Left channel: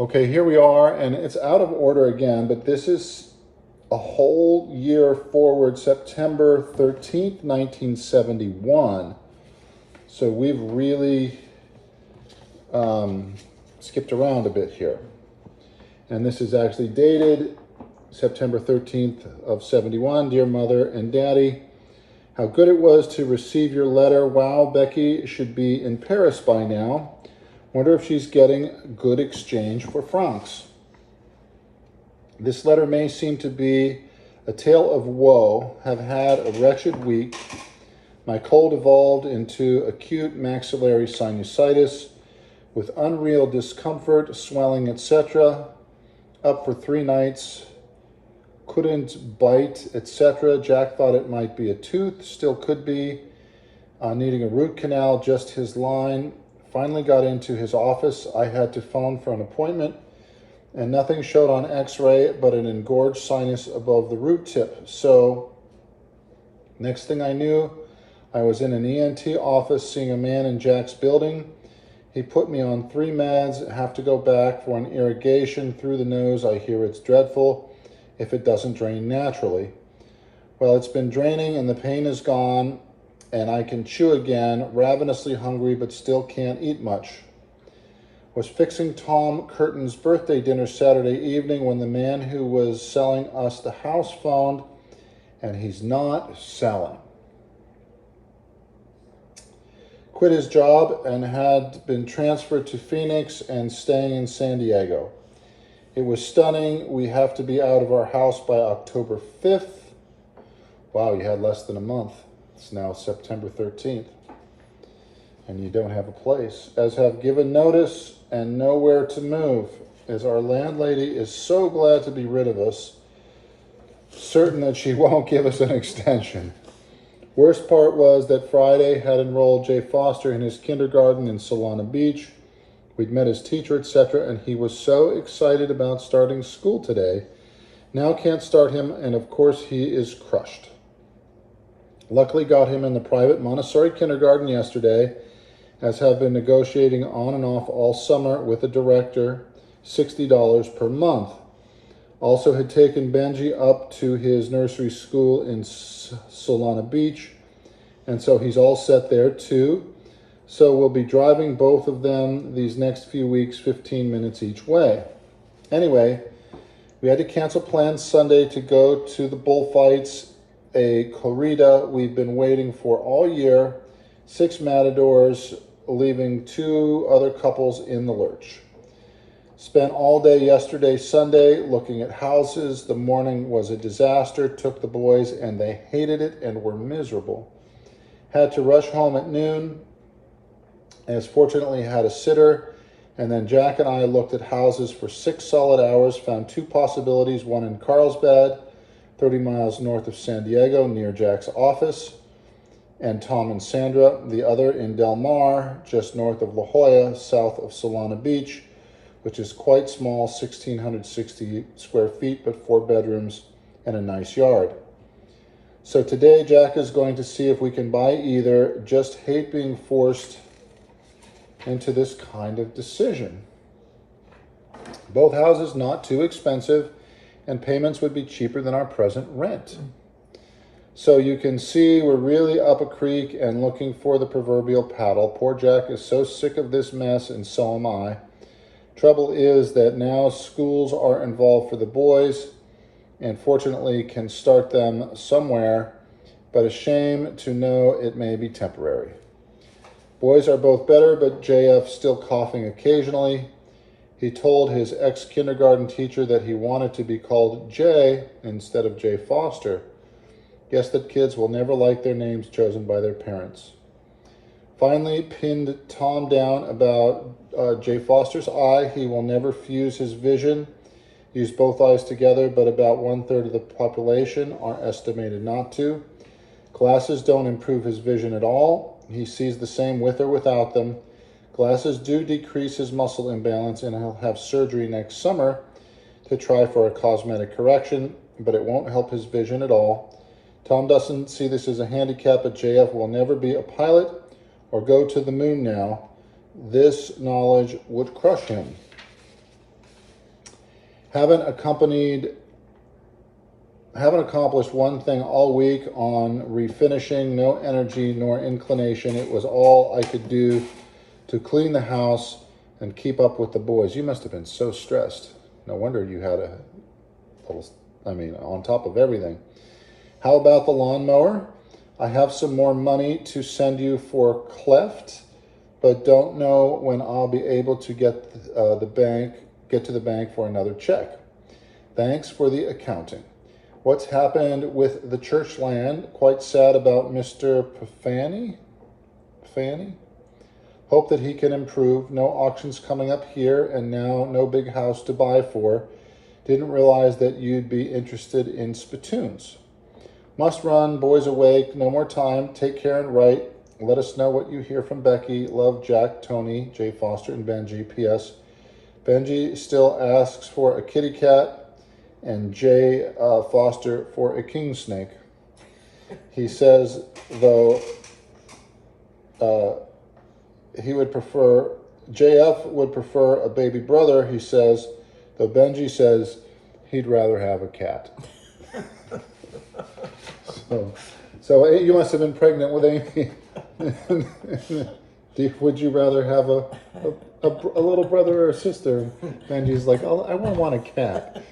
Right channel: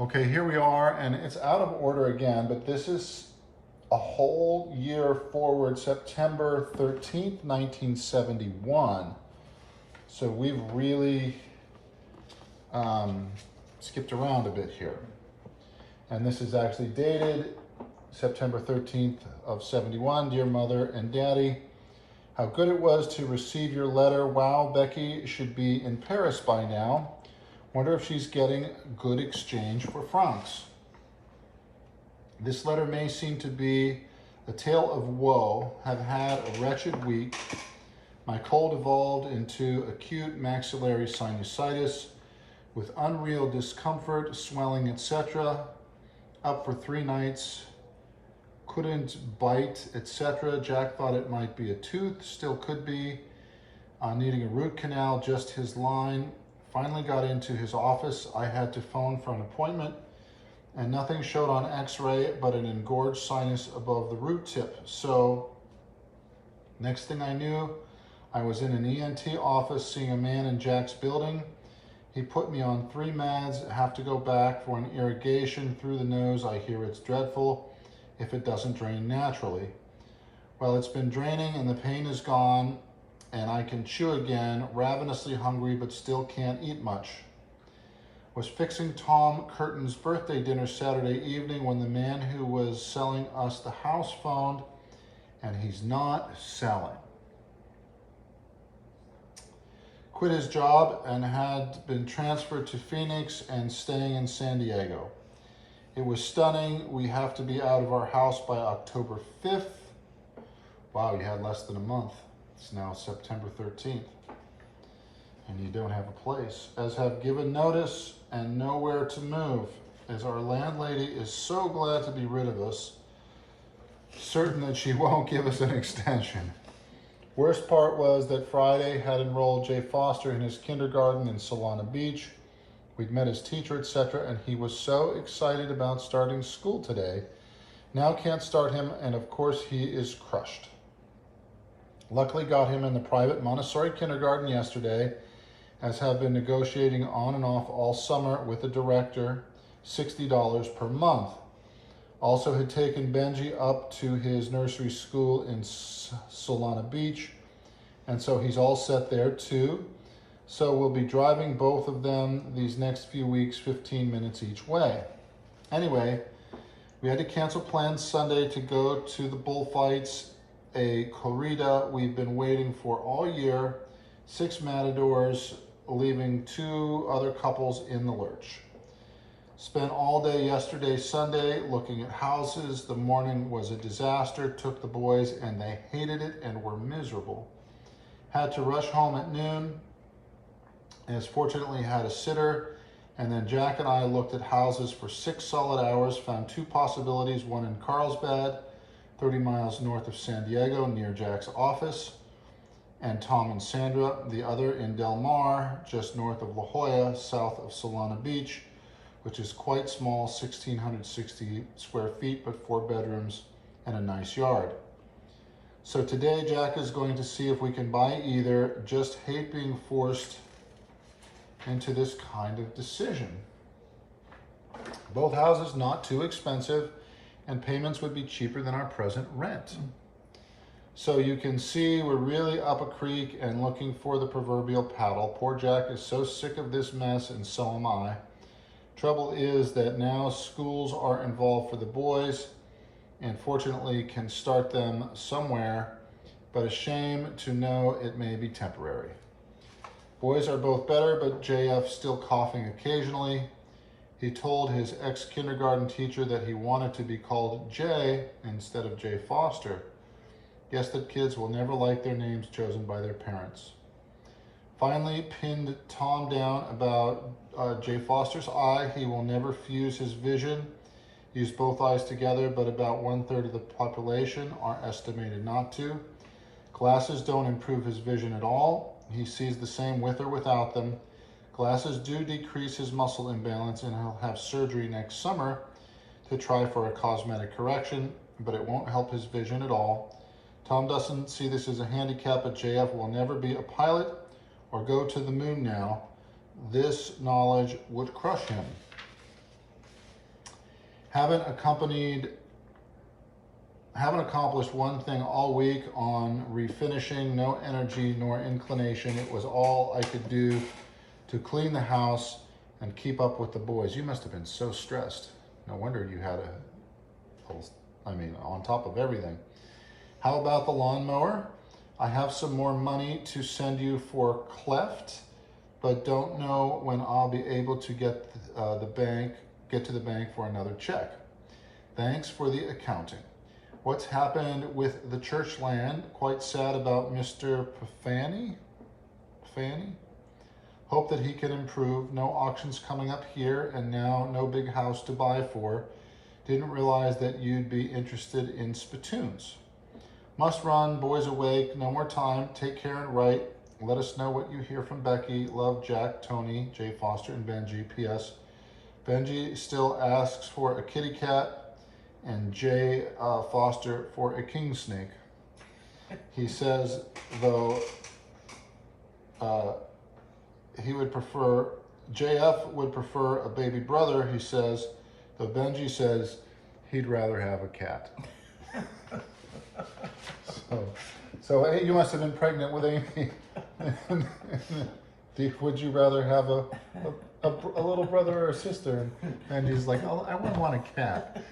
Okay, here we are, and it's out of order again, but this is a whole year forward, September 13th, 1971. So we've really skipped around a bit here. And this is actually dated September 13th of 71. Dear Mother and Daddy, how good it was to receive your letter. Wow, Becky should be in Paris by now. Wonder if she's getting good exchange for francs. This letter may seem to be a tale of woe. Have had a wretched week. My cold evolved into acute maxillary sinusitis with unreal discomfort, swelling, etc. Up for 3 nights. Couldn't bite, etc. Jack thought it might be a tooth, still could be. Needing a root canal, just his line. Finally got into his office. I had to phone for an appointment, and nothing showed on x-ray but an engorged sinus above the root tip. So next thing I knew, I was in an ENT office seeing a man in Jack's building. He put me on 3 meds, have to go back for an irrigation through the nose. I hear it's dreadful if it doesn't drain naturally. Well, it's been draining and the pain is gone, and I can chew again, ravenously hungry, but still can't eat much. Was fixing Tom Curtin's birthday dinner Saturday evening when the man who was selling us the house phoned, and he's not selling. Quit his job and had been transferred to Phoenix and staying in San Diego. It was stunning. We have to be out of our house by October 5th. Wow, you had less than a month. It's now September 13th, and you don't have a place. As have given notice and nowhere to move, as our landlady is so glad to be rid of us, certain that she won't give us an extension. Worst part was that Friday had enrolled Jay Foster in his kindergarten in Solana Beach. We'd met his teacher, etc., and he was so excited about starting school today. Now can't start him, and of course he is crushed. Luckily got him in the private Montessori kindergarten yesterday, as have been negotiating on and off all summer with the director, $60 per month. Also had taken Benji up to his nursery school in Solana Beach, and so he's all set there too. So we'll be driving both of them these next few weeks, 15 minutes each way. Anyway, we had to cancel plans Sunday to go to the bullfights, a corrida we've been waiting for all year, 6 matadors, leaving 2 other couples in the lurch. Spent all day yesterday, Sunday, looking at houses. The morning was a disaster. Took the boys and they hated it and were miserable. Had to rush home at noon, as fortunately had a sitter. And then Jack and I looked at houses for 6 solid hours, found 2 possibilities, one in Carlsbad, 30 miles north of San Diego, near Jack's office, and Tom and Sandra. The other in Del Mar, just north of La Jolla, south of Solana Beach, which is quite small, 1,660 square feet, but 4 bedrooms and a nice yard. So today, Jack is going to see if we can buy either. Just hate being forced into this kind of decision. Both houses not too expensive, and payments would be cheaper than our present rent. So you can see we're really up a creek and looking for the proverbial paddle. Poor Jack is so sick of this mess, and so am I. Trouble is that now schools are involved for the boys, and fortunately can start them somewhere, but a shame to know it may be temporary. Boys are both better, but JF still coughing occasionally. He told his ex-kindergarten teacher that he wanted to be called Jay instead of Jay Foster. Guess that kids will never like their names chosen by their parents. Finally, pinned Tom down about Jay Foster's eye. He will never fuse his vision, use both eyes together, but about 1/3 of the population are estimated not to. Glasses don't improve his vision at all. He sees the same with or without them. Glasses do decrease his muscle imbalance, and he'll have surgery next summer to try for a cosmetic correction, but it won't help his vision at all. Tom doesn't see this as a handicap, but JF will never be a pilot or go to the moon now. This knowledge would crush him. Haven't accomplished one thing all week on refinishing. No energy nor inclination. It was all I could do to clean the house and keep up with the boys. You must have been so stressed. No wonder you had on top of everything. How about the lawnmower? I have some more money to send you for cleft, but don't know when I'll be able to get to the bank for another check. Thanks for the accounting. What's happened with the church land? Quite sad about Mr. Fanny? Hope that he can improve. No auctions coming up here, and now no big house to buy for. Didn't realize that you'd be interested in spittoons. Must run, boys awake, no more time. Take care and write. Let us know what you hear from Becky. Love, Jack, Tony, Jay Foster, and Benji. P.S. Benji still asks for a kitty cat, and Jay Foster for a king snake. He says, though, JF would prefer a baby brother, he says, though Benji says he'd rather have a cat. So you must have been pregnant with Amy. Would you rather have a little brother or a sister? Benji's like, oh, I want a cat.